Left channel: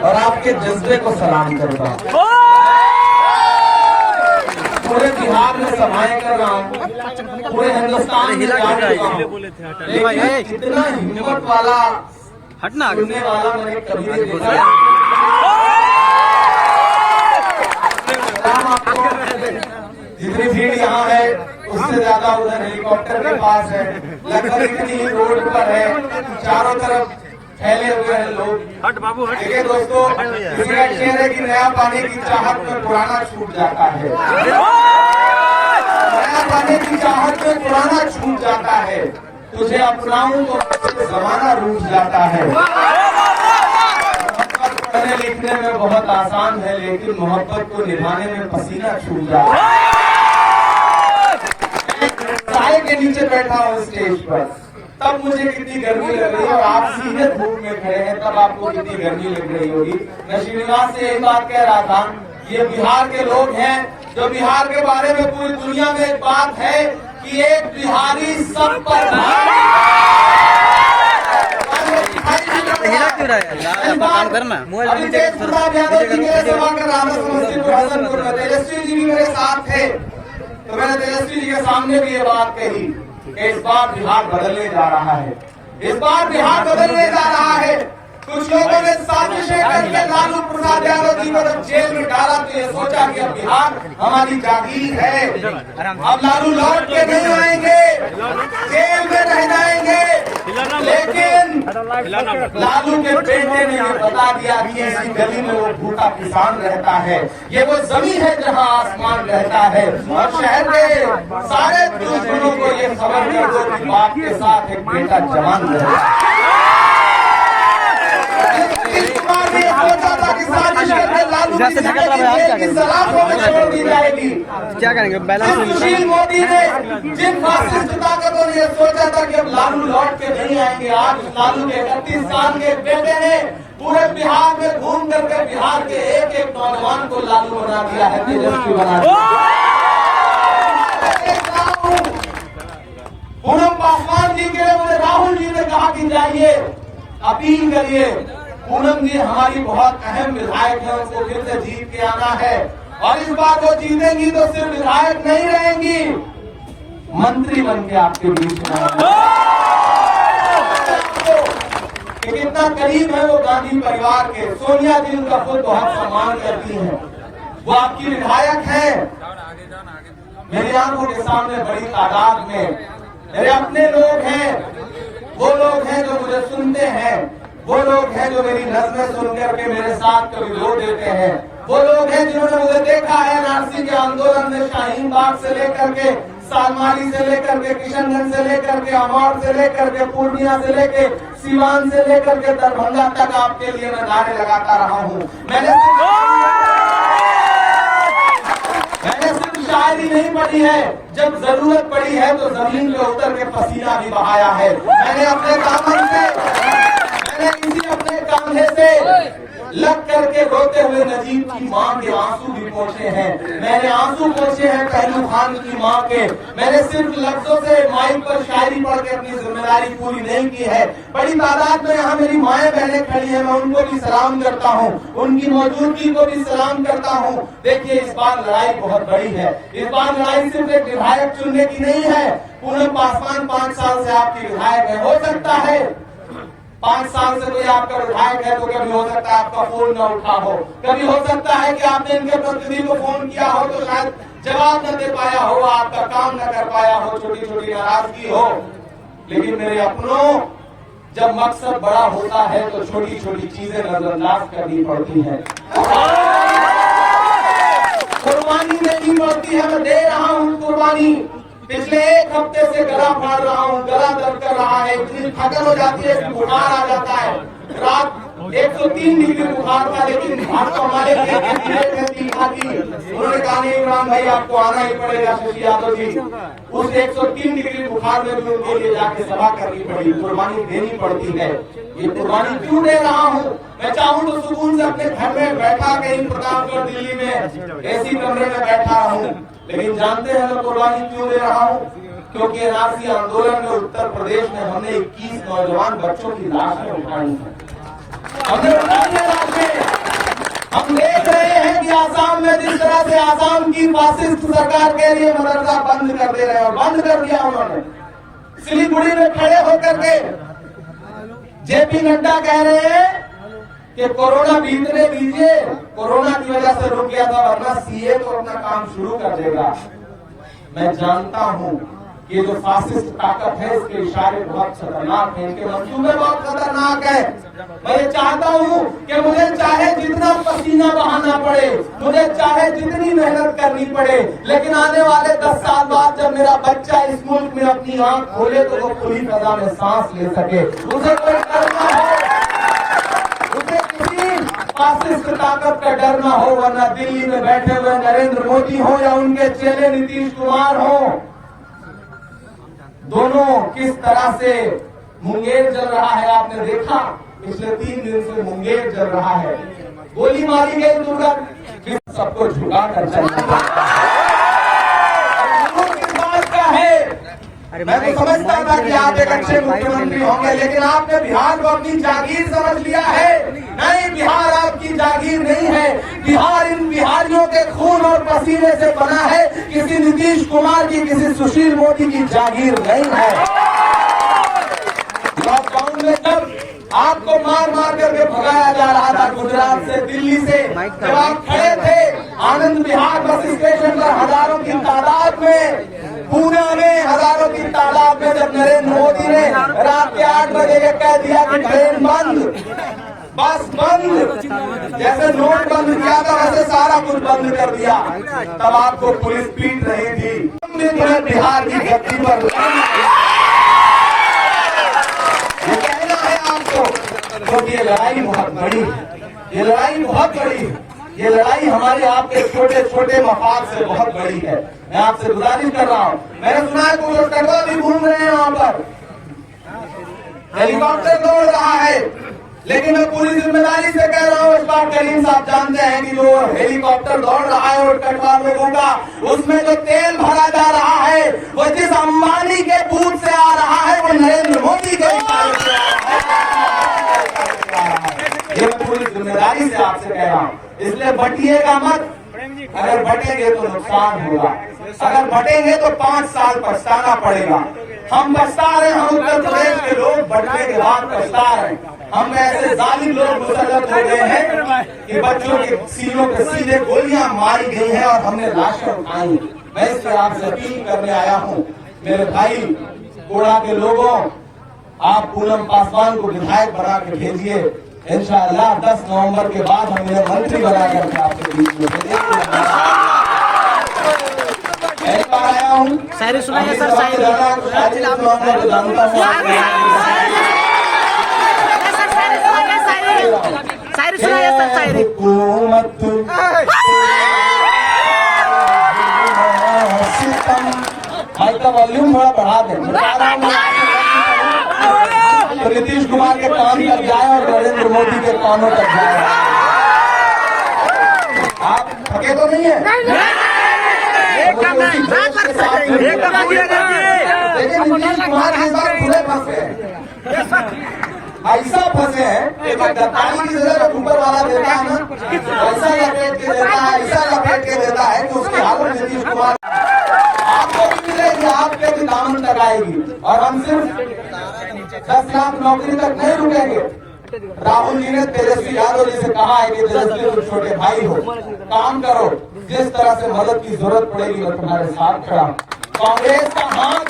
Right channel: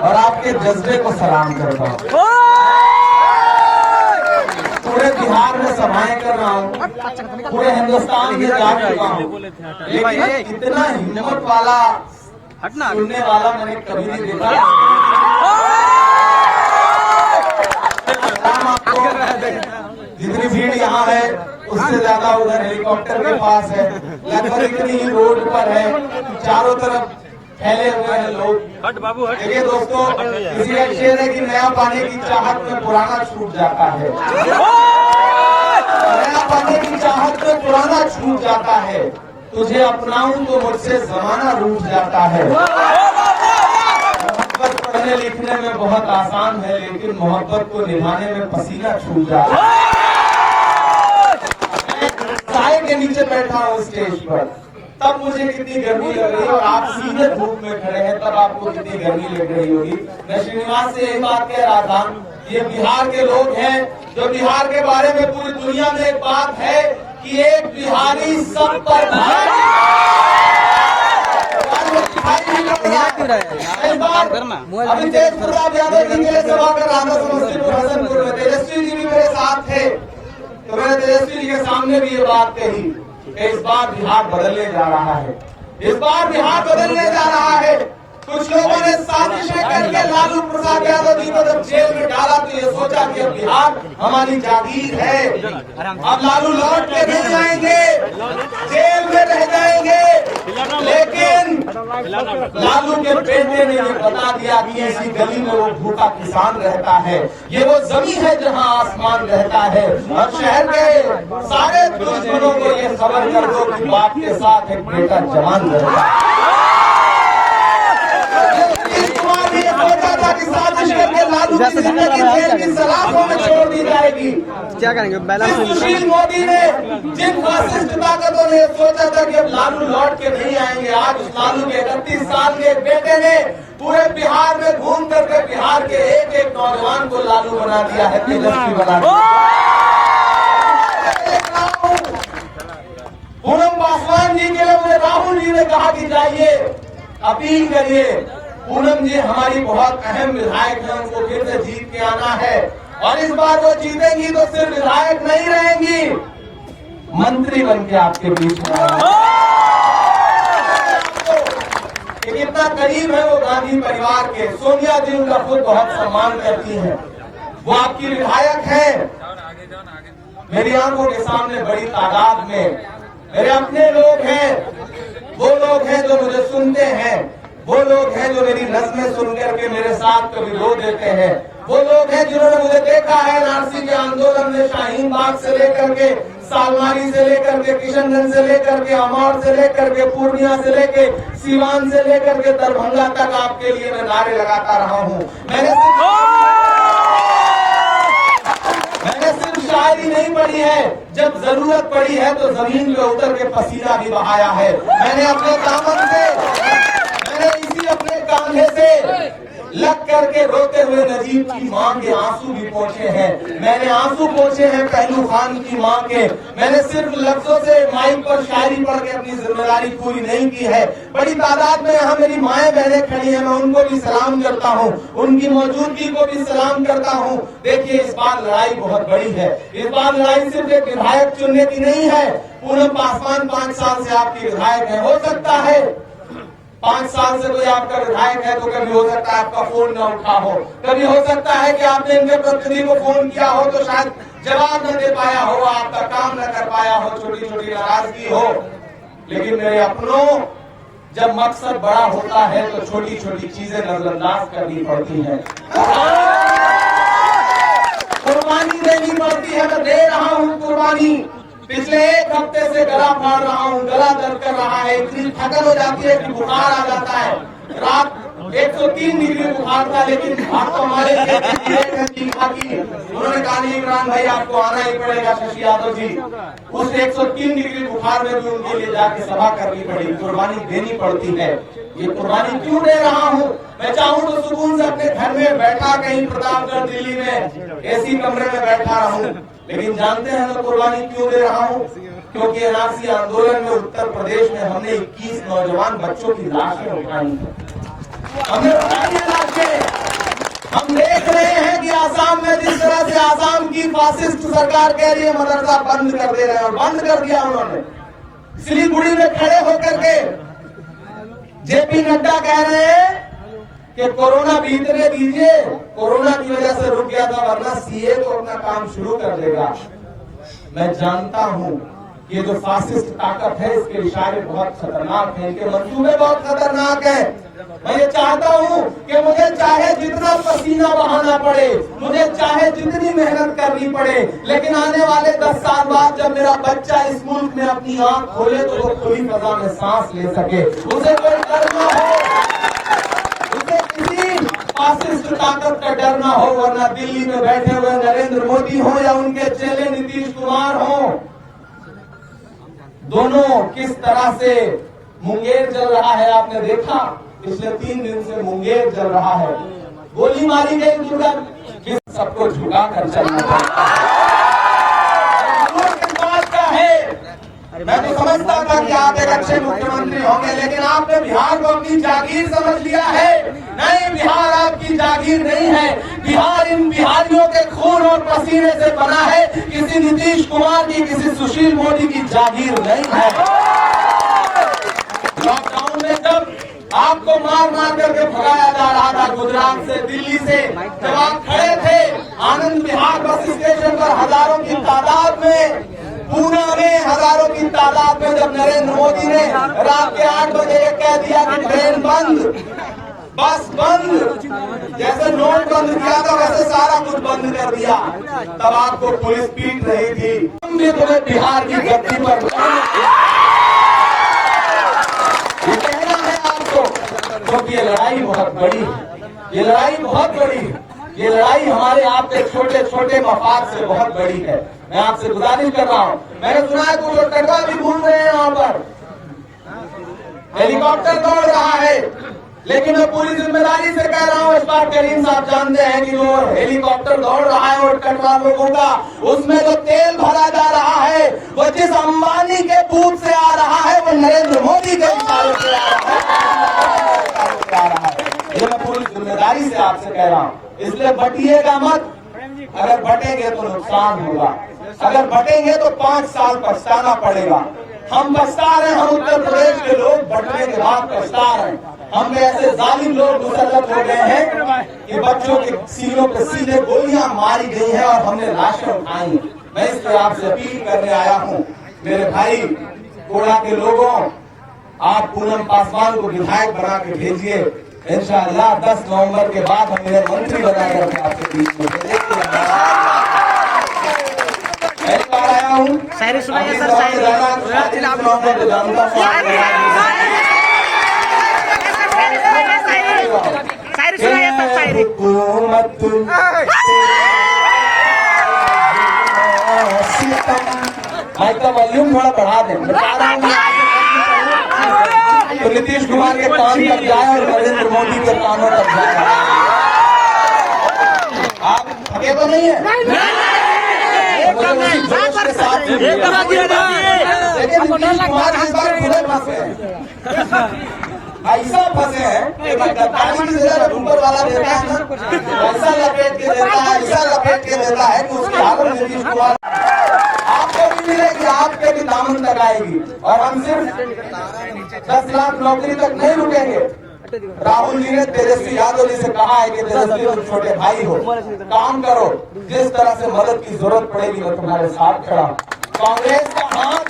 और आपके जज्बे को सलाम करता हूँ। पूरे बिहार में सभाएं कर रहा हूँ, पूरे हिंदुस्तान में जा रहा हूँ, लेकिन इतना हिम्मत वाला सुनने वाला मैंने कभी नहीं देखा। जितनी भीड़ यहाँ है उससे ज्यादा उधर हेलीकॉप्टर के पास है, लगभग इतनी ही रोड पर है, चारों तरफ फैले हुए हैं लोग। देखिए दोस्तों, किसी का शेर है कि नया पाने की चाहत में पुराना छूट जाता है, नया पाने की चाहत में पुराना छूट जाता है, तुझे अपनाऊं तो मुझसे जमाना रूठ जाता है। मोहब्बत पढ़ने लिखने में बहुत आसान है, लेकिन मोहब्बत को निभाने में पसीना छूट जाता है। साए के नीचे बैठा हूँ स्टेज पर, तब मुझे कितनी गर्मी लग रही है, और आप सीधे धूप में खड़े हैं तब आपको कितनी गर्मी लग रही होगी। मैं श्रीनिवास से एक बात कह रहा था, ये बिहार के लोग हैं जो बिहार के बारे में पूरी दुनिया में एक बात है कि एक बिहारी सब पर क्यों रहा है काम करना मोबाइल तेजस्वी जी भी मेरे साथ थे, तो मैंने तेजस्वी जी के सामने भी ये बात कही कि इस बार बिहार बदलने जा रहा है, इस बार बिहार बदलने जा रहा है। कुछ लोगों ने साजिशें करके लालू प्रसाद यादव जी को जब जेल में डाला तो ये सोचा कि अब बिहार हमारी जागीर है, अब लालू लौट के नहीं आएंगे, जेल में रह जाएंगे। लेकिन लालू के बेटे ने ये बता दिया कि इसी गली में वो भूखा किसान रहता है, ये वो जमीन है जहाँ आसमान रहता है, और शहर के सारे बुजुर्गों को ये खबर कर दो कि बाप के साथ एक बेटा जवान रहता है। छोड़ दी जाएगी। क्या करेंगे बैलेंस? सुशील मोदी ने जिन फासिस्ट ताकतों ने सोचा था कि अब लालू लौट के नहीं आएंगे, आज लालू के 31 साल के बेटे ने पूरे बिहार में घूम करके बिहार के एक एक नौजवान को लालू बना दिया है, तेजस्वी बना दिया। पूनम पासवान जी के लिए राहुल जी ने कहा कि जाइए अपील करिए, पूनम जी हमारी बहुत अहम विधायक है, उनको फिर से जीत के आना है, और इस बार वो जीतेंगी तो सिर्फ विधायक नहीं रहेंगी, मंत्री बन के आपके बीच में कितना करीब है वो गांधी परिवार के। सोनिया जी उनका खुद बहुत सम्मान करती है, वो आपकी विधायक है। मेरी आंखों के सामने बड़ी तादाद में मेरे अपने लोग हैं, वो लोग हैं जो मुझे सुनते हैं, वो लोग हैं जो मेरी नज़्में सुन करके मेरे साथ कभी रो देते हैं, वो लोग हैं जिन्होंने मुझे देखा है एनआरसी के आंदोलन में शाहीन बाग से लेकर के सालमारी से लेकर के किशनगंज से लेकर के अमौर से लेकर के पूर्णिया से लेकर सीवान से लेकर के दरभंगा तक आपके लिए मैं नारे लगाता रहा हूँ। मैंने सिर्फ शायरी नहीं पढ़ी है, जब जरूरत पड़ी है तो जमीन में उतर के पसीना भी बहाया है। मैंने अपने दामन से, मैंने इसी अपने कांधे से लग करके रोते हुए नजीब की माँ के आंसू भी पोंछे हैं, मैंने आंसू पोंछे हैं पहलू खान की माँ के। मैंने सिर्फ लफ्जों से माइक पर शायरी पढ़ के अपनी जिम्मेदारी पूरी नहीं की है। बड़ी तादाद में यहाँ मेरी माएँ बहनें खड़ी हैं, मैं उनको भी सलाम करता हूँ, उनकी मौजूदगी को भी सलाम करता हूँ। देखिए इस बार लड़ाई बहुत बड़ी है, इस बार लड़ाई सिर्फ एक विधायक चुनने की नहीं है। पूनम पासवान 5 साल से आपकी विधायक है, हो सकता है 5 साल से कोई आपका विधायक है तो कभी हो सकता है आपका फोन न उठा हो, कभी हो सकता है कि आपने इनके प्रतिनिधि को फोन किया हो तो शायद जवाब न दे पाया हो, आपका काम न कर पाया हो, छोटी छोटी नाराजगी हो। लेकिन मेरे अपनों, जब मकसद बड़ा होता है तो छोटी छोटी चीजें नजरअंदाज करनी पड़ती है, कुर्बानी देनी पड़ती है। मैं दे रहा हूँ कुर्बानी। पिछले 1 हफ्ते से गला फाड़ रहा हूँ, गला दर्द कर रहा है, इतनी थकन हो जाती है कि बुखार आ जाता है। रात 103 डिग्री बुखार था, लेकिन आपको हमारे उन्होंने कहा नहीं इमरान भाई आपको आना ही पड़ेगा, शशि यादव जी। उस 103 डिग्री बुखार में भी उनके लिए जाके सभा करनी पड़ी, कुर्बानी देनी पड़ती है। ये कुर्बानी क्यों दे रहा हूँ? मैं चाहूँ तो सुकून से अपने घर में बैठा कहीं प्रतापगढ़ दिल्ली में एसी कमरे में बैठा रहूं, लेकिन जानते हैं मैं कुर्बानी क्यों दे रहा हूँ? क्योंकि एनआरसी आंदोलन में उत्तर प्रदेश में हमने 21 नौजवान बच्चों की लाशें उठाई, हमने उठाई लाशें। की फासिस्ट सरकार कह रही है मदरसा बंद कर दे रहे हैं, और बंद कर दिया उन्होंने। सिलीगुड़ी में खड़े होकर के जेपी नड्डा कह रहे हैं कि कोरोना बीतने दीजिए, कोरोना की वजह से रुक गया था, वरना सीए तो अपना काम शुरू कर देगा। मैं जानता हूं कि ये जो फासिस्ट ताकत है, इसके इशारे बहुत खतरनाक हैं, इनके मंसूबे बहुत खतरनाक है। मैं ये चाहता हूं कि मुझे चाहे जितना पसीना बहाना पड़े, मुझे चाहे जितनी मेहनत करनी पड़े, लेकिन आने वाले 10 साल बाद जब मेरा बच्चा इस मुल्क में अपनी आंख खोले तो वो खुली फजा में सांस ले सके। उसे कोई डर ना है, उसे किसी फासिस्ट ताकत का डर ना हो, वरना दिल्ली में बैठे हुए नरेंद्र मोदी हो या उनके चेले नीतीश कुमार हो, दोनों किस तरह से मुंगेर जल रहा है आपने देखा। पिछले 3 दिन से मुंगेर जल रहा है, गोली मारी गई दुर्गा, सबको झुका कर चाहिए। किस बात का है? मैं तो समझता था कि आप एक अच्छे मुख्यमंत्री होंगे, लेकिन आपने बिहार को अपनी जागीर समझ लिया है। नहीं, बिहार आपकी जागीर नहीं है। बिहार इन बिहारियों के खून और पसीने से बना है, किसी नीतीश कुमार की, किसी सुशील मोदी की जागीर नहीं है। लॉकडाउन में जब आपको मार मार करके भगाया जा रहा था गुजरात से, दिल्ली से, जब आप खड़े थे आनंद विहार बस स्टेशन पर हजारों की तादाद में, पुणे में हजारों की तादाद में, जब नरेंद्र मोदी ने रात के 8 बजे ये कह दिया कि ट्रेन बंद, बस बंद, जैसे नोट बंद किया था वैसे सारा कुछ बंद कर दिया, तब आपको पुलिस पीट रही थी। तुम भी तुम्हें बिहार की धरती पर कहना है आपको, क्योंकि ये लड़ाई बहुत बड़ी है, ये लड़ाई बहुत बड़ी है, ये लड़ाई हमारे आपके छोटे छोटे मफाद से बहुत बड़ी है। मैं आपसे गुजारिश कर रहा हूँ, मैंने सुना है कुछ लोग कटवा भी घूम रहे हैं, वहां पर हेलीकॉप्टर दौड़ रहा है, लेकिन मैं पूरी जिम्मेदारी से कह रहा हूँ, इस बार करीम साहब जानते हैं कि वो हेलीकॉप्टर दौड़ रहा है और कटवा लोगों का, उसमें जो तेल भरा जा रहा है वो जिस अंबानी के बूथ से आ रहा है, वो नरेंद्र मोदी के इशारे से ये मैं पूरी जिम्मेदारी से आपसे कह रहा हूँ। इसलिए बटिएगा मत, अगर बटेंगे तो नुकसान होगा, अगर बटेंगे तो 5 साल पछताना पड़ेगा। हम पछता रहे, हम उत्तर प्रदेश के लोग बटने के बाद पछता रहे। हम ऐसे जालिम लोग मुसल्लत हो गए हैं कि बच्चों के सीनों पे सीधे गोलियां मारी गई हैं और हमने लाशें उठाई। मैं इसलिए आपसे अपील करने आया हूँ, मेरे भाई कोड़ा के लोगों, आप पूनम पासवान को विधायक बना के भेजिए। इंशाअल्लाह 10 नवंबर के बाद हम मेरे मंत्री बनाकर आपके बीच में आया हूँ। शायरी सुनाइए सर, शायरी सुनाइए सर, शायरी। हुकूमत भाई का वॉल्यूम थोड़ा बढ़ा दें, तो नीतीश कुमार के कान तक जाए और नरेंद्र मोदी के कानों तक जाए। आप थके तो नहीं है? लेकिन नीतीश कुमार इस बार खुले फंसे हैं, ऐसा फंसे हैं कि गद्दारी की सजा जब ऊपर वाला देता है ना, ऐसा लपेट के देता है, ऐसा लपेट के देता है कि उसकी हालत नीतीश कुमार आपको भी मिलेगी, आपके भी दामन तक आएगी। और हम सिर्फ 10 लाख नौकरी तक नहीं रुकेंगे। राहुल जी ने तेजस्वी यादव जी से कहा है कि तेजस्वी तुम छोटे भाई हो, काम करो, जिस तरह से मदद की जरूरत पड़ेगी मैं तुम्हारे साथ खड़ा हूं। कांग्रेस का हाथ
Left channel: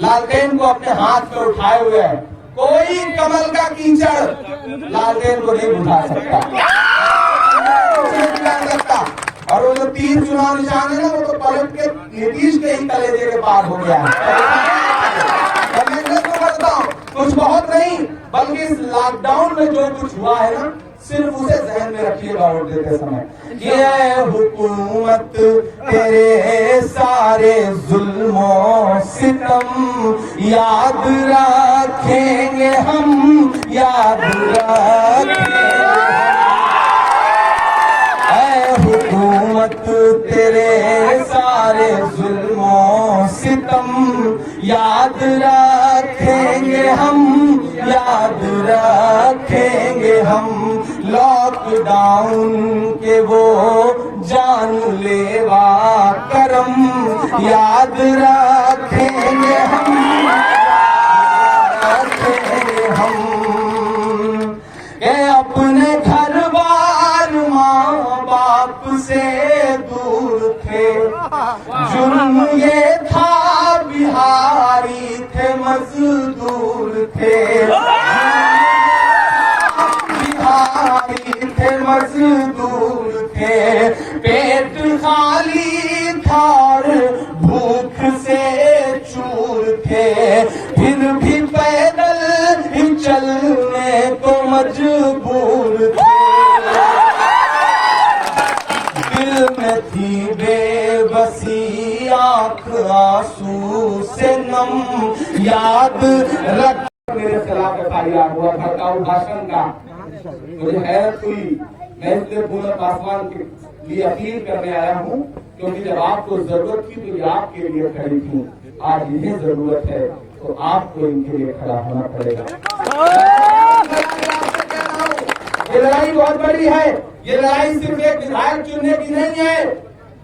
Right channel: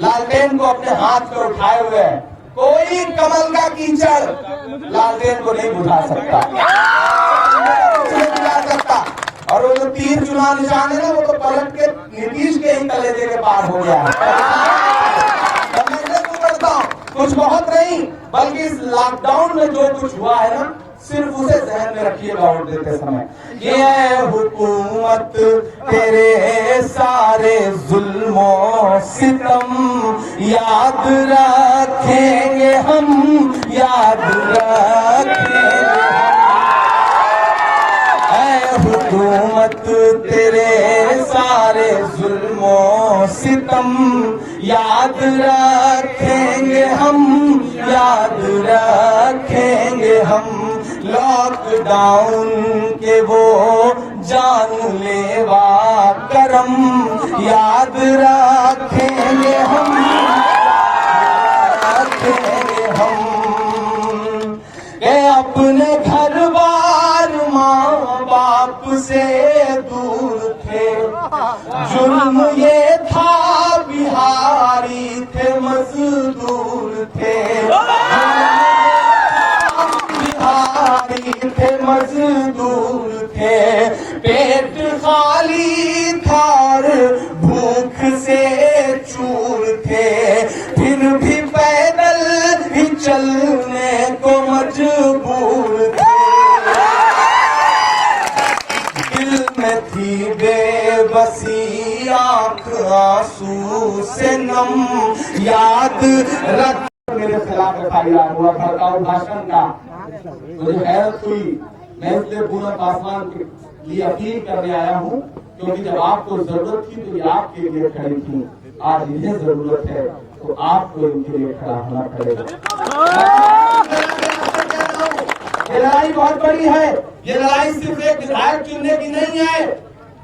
लालटेन को अपने हाथ पे उठाए हुए है, कोई कमल का कीचड़ लालटेन को नहीं बुझा सकता, और वो जो तीर चुनाव निशान है ना, वो तो पलट के नीतीश के ही कलेजे के पार हो गया है। कुछ बहुत नहीं, बल्कि इस लॉकडाउन में जो कुछ हुआ है ना, सिर्फ उसे जहन में रखिएगा वोट देते समय। ये हुकूमत तेरे सारे जुल्मों सितम याद रखेंगे हम, याद रखेंगे। हुकूमत तेरे सारे जुल्मों सितम याद रखेंगे हम, याद रखेंगे हम। लॉकडाउन के वो जानलेवा करम याद रखेंगे हम के अपने घर बार माँ बाप से दूर थे। जुर्म ये था बिहारी थे मजदूर थे, बिहारी थे मजदूर थे। पेट खाली था और भूख से चूर थे, फिर भी पैदल ही चलने को मजबूर थे। दिल में थी बेबसी आंख आंसू से नम याद रख। मेरे खिलाफ FIR हुआ भड़काऊ भाषण का, मुझे हैरत हुई। मैं इसलिए पूनम पासवान के लिए अपील करने आया हूँ, क्योंकि जब आपको जरूरत थी तो ये आपके लिए खड़ी थी। आज इन्हें जरूरत है तो आपको इनके लिए खड़ा होना पड़ेगा। ये लड़ाई बहुत बड़ी है। ये लड़ाई सिर्फ एक विधायक चुनने की नहीं है।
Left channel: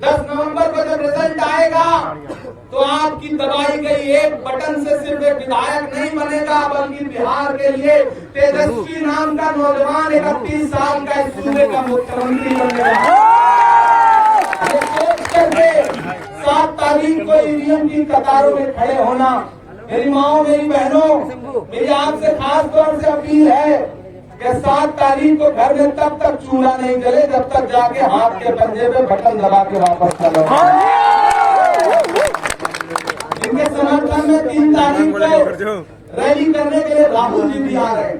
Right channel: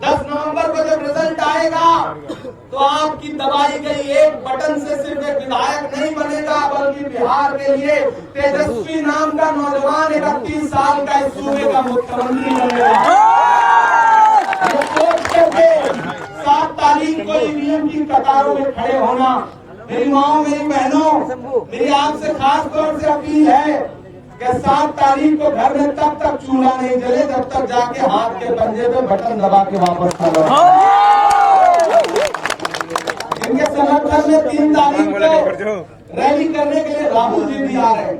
10 नवंबर को जब रिजल्ट आएगा तो आपकी दबाई गई एक बटन से सिर्फ एक विधायक नहीं बनेगा, बल्कि बिहार के लिए तेजस्वी नाम का नौजवान 31 साल का इस सूबे का मुख्यमंत्री बनेगा। 7 तारीख को ईवीएम की कतारों में खड़े होना। मेरी माओ, मेरी बहनों, मेरी आपसे खास तौर से अपील है कि 7 तारीख को घर में तब तक चूल्हा नहीं जले जब तक जाके हाथ के पंजे पे बटन दबा के वापस आ जाए। इनके समर्थन में 3 तारीख को रैली करने के लिए राहुल जी भी आ रहे हैं।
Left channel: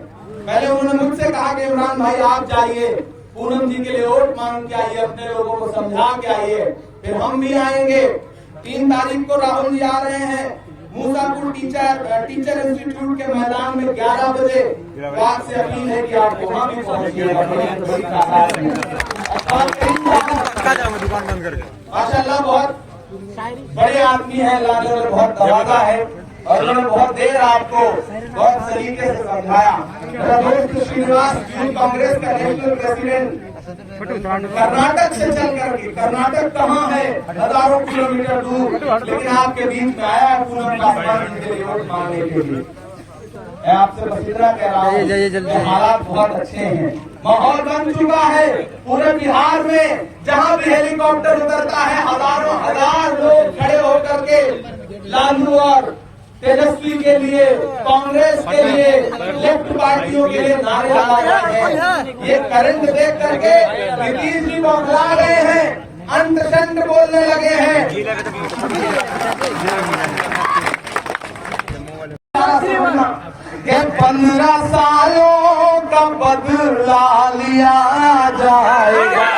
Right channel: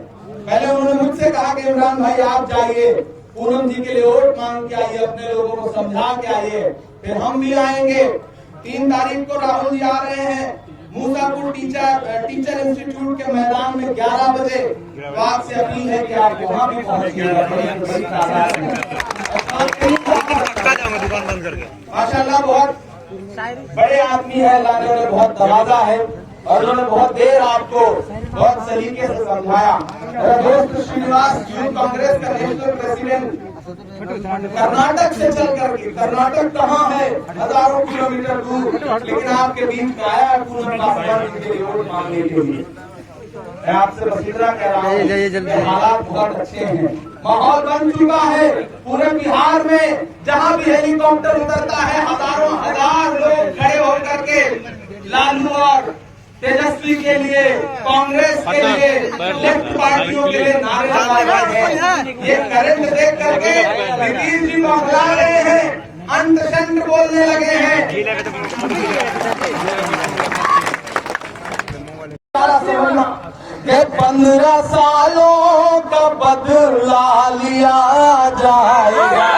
पहले उन्होंने मुझसे कहा कि इमरान भाई आप जाइए, पूनम जी के लिए वोट मांग के आइए, अपने लोगों को समझा के आइए, फिर हम भी आएंगे। 3 तारीख को राहुल जी आ रहे हैं मूसापुर टीचर इंस्टीट्यूट के मैदान में 11 बजे। तो आपसे अपील है कि आप वहाँ भी पहुंचिएगा। माशाल्लाह बहुत बड़े आदमी है, लालू ने बहुत दवादा है और उन्होंने बहुत देर आपको बहुत तरीके से समझाया। मेरा दोस्त श्रीनिवास यूथ कांग्रेस का नेशनल प्रेसिडेंट कर्नाटक से चल करके, कर्नाटक कहाँ है, हजारों किलोमीटर दूर, लेकिन आपके बीच में आया है पूनम पासवान के वोट मांगने के लिए। मैं आपसे बस इतना कह रहा हूँ, हालात बहुत अच्छे हैं, माहौल बन चुका है पूरे बिहार में। जहाँ भी हेलीकॉप्टर उतरता है हजारों हजार लोग खड़े होकर के लालू और तेजस्वी के लिए, कांग्रेस के लिए, लेफ्ट पार्टियों के लिए नारे लगा रहे हैं। ये करंट देख करके नीतीश जी को बुला रहे हैं, अंत शंत बोलने लगे हैं। कि 15 सालों का बदला लिया जाएगा।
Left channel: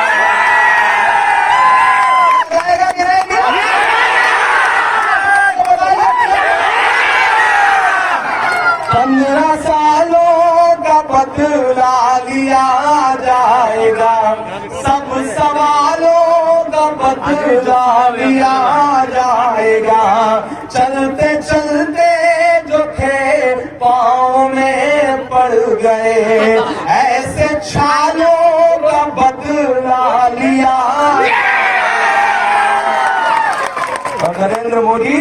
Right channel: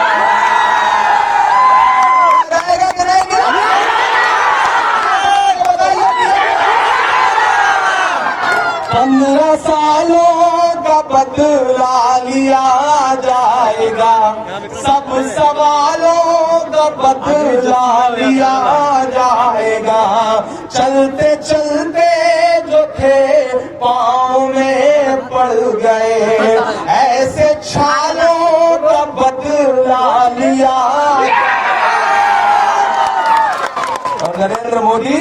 15 सालों का बदला लिया जाएगा, सब सवालों का बदला लिया जाएगा। चलते चलते जो थे पाँव में पड़ गए, ऐसे छालों का बदला लिया। नरेंद्र मोदी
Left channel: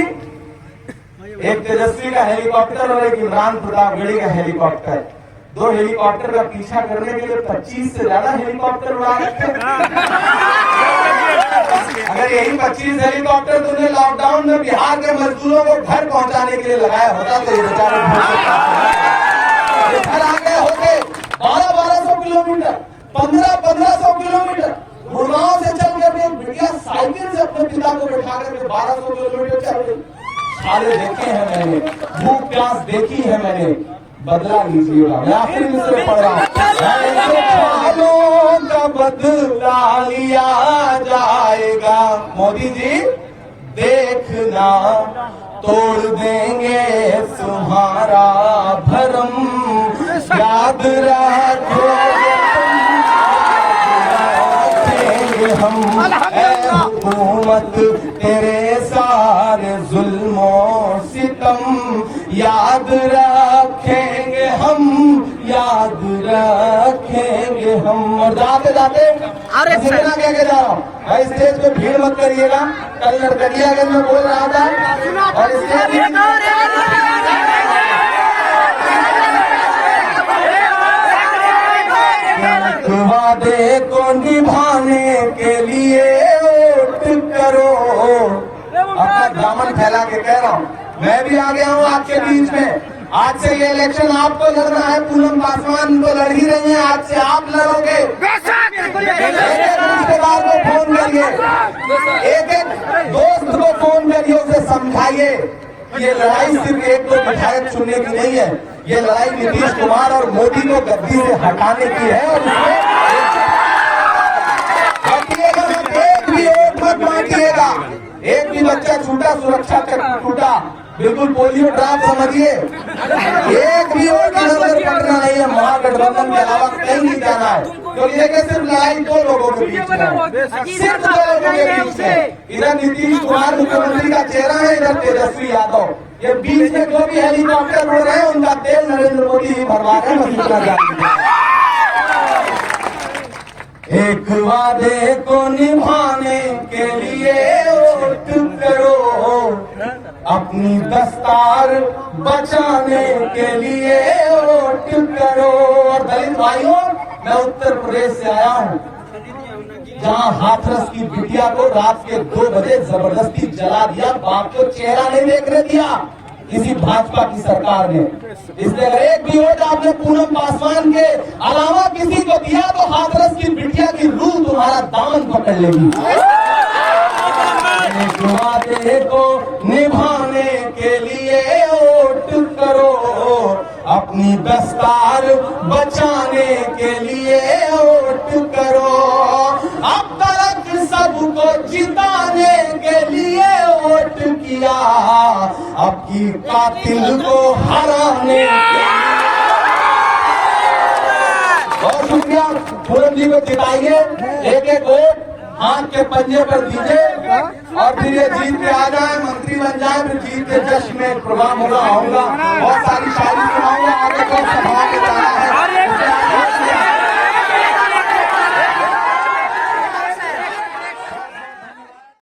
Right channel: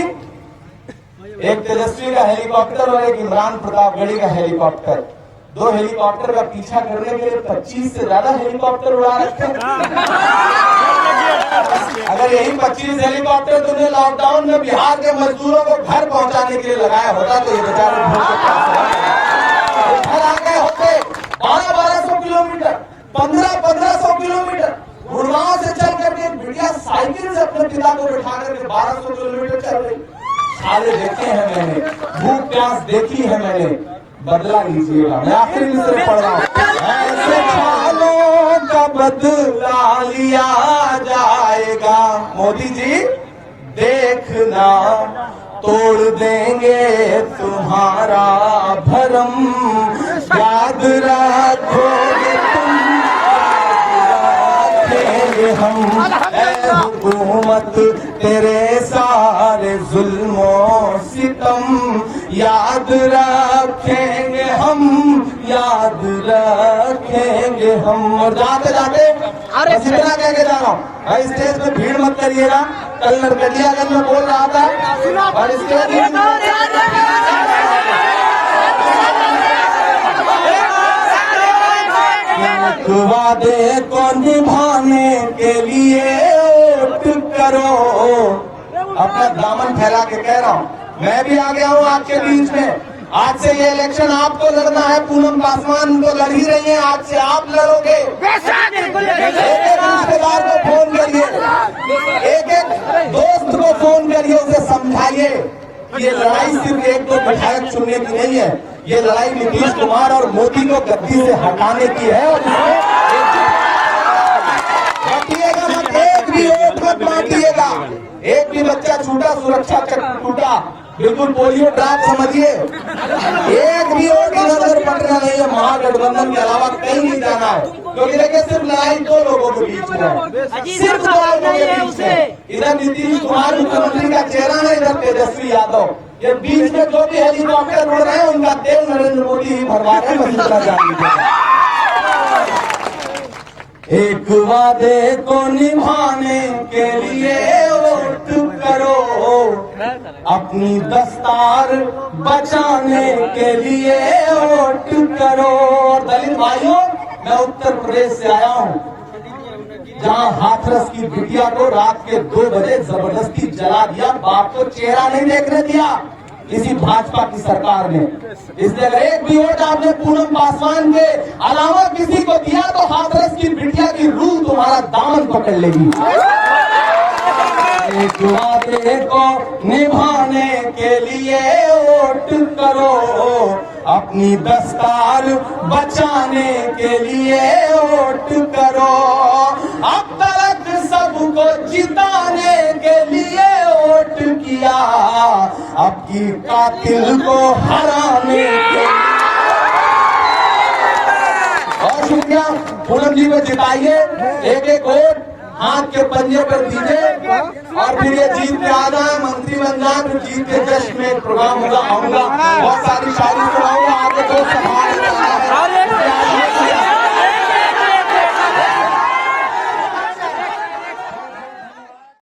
एक तेजस्वी का हेलीकॉप्टर और एक इमरान प्रतापगढ़ी का हेलीकॉप्टर, 2 हेलीकॉप्टर का पीछा करने के लिए 25 से ज्यादा हेलीकॉप्टर उड़ा रखे। अगर यही 25 हेलीकॉप्टर तुमने लॉकडाउन में बिहार के मजदूरों को घर पहुंचाने के लिए लगाया होता तो ये बेचारे घर आ गए होते। 1200 किलोमीटर, 1500 किलोमीटर गुड़गांव से चल करके बिटिया साइकिल से अपने पिता को बैठा करके 1200 किलोमीटर चल रही। साले देखे हैं मैंने, भूख प्यास देखी है मैंने, बदला लीजिएगा। मैं आखिर में से पढ़ रहा हूं, ऐसे छालों का बदला लिया जाएगा। मोदी जी देखना, तोड़ देंगे तुम्हारा भरम, याद रखोगे तुम, हुकूमत तेरे सारे जुल्मों सितम, याद रखेंगे हम, याद रखेंगे हम। और जाते जाते अरे इतना कह के जा रहा हूँ, भाई स्टेज पे भीड़ मत करिएगा। कल नरकटियागंज में बोल रहा था और स्टेज वादे को निभाने के लिए वोट करो। अपना दामन फैला के कह रहा हूँ, मैं भी आ गया हूँ आपके बीच में। आज से ये इलेक्शन आपको लड़ना है, पूनम पासवान तो लड़ ही रही है, आज से आप लड़ोगे। रिश्तेदार को फोन करिए, एक एक दोस्त को फोन करिए, उसे समझाइए ये लड़ाई सिर्फ एक दो विधायक चुनने की नहीं है, ये लड़ाई नीतीश कुमार और मोदी को गद्दी से हटाने की है। बांटिएगा मत, एक भी वोट मत बांटिएगा। एक भी बच्चा छूटा, सुरक्षा चक्र टूटा, बिल्कुल पोलियो ड्रॉप समझिए। एक भी वोट का नजर पड़ना नहीं है, महागठबंधन के अलावा कहीं नहीं जाना है। क्योंकि देखिए सिर्फ लड़ाई दो लोगों के बीच में है, सिर्फ दो लोगों के बीच में। इधर नीतीश कुमार मुख्यमंत्री का चेहरा है, इधर तेजस्वी यादव। ये बीच में जो भी हेलीकॉप्टर उड़ रहे हैं उनका तेल नरेंद्र मोदी ही भरवा रहे हैं। एक वादे को निभाने के लिए वोट करो, अपनी दस्तार बचाने के लिए वोट करो। दलित भाइयों, मैं उत्तर प्रदेश से आया हूँ, जहाँ हाथरस की बिटिया को रात के 2 बजे जबरदस्ती जला दिया, बाप को चेहरा नहीं देखने दिया इसी भाजपा की सरकार ने। इसलिए अगर एक भी वोट आपने पूनम पासवान के अलावा किसी को दिया तो हाथरस की बिटिया की रूह तुम्हारा दामन पकड़ लेगी। एक वादे को निभाने के लिए वोट करो, अपनी दस्तार बचाने के लिए वोट करो। अब तक सबको जिताने के लिए वोट किया, अब की कातिल को हराने के लिए। और शुक्रिया, पूनम जी को जिताइए, एक एक वोट हाथ के पंजे पर दीजिए और फिर ये जीत के आ जाए, मंत्री बन जाए, फिर जीत के जश्न में प्रोग्राम होगा, आऊंगा। बहुत सारी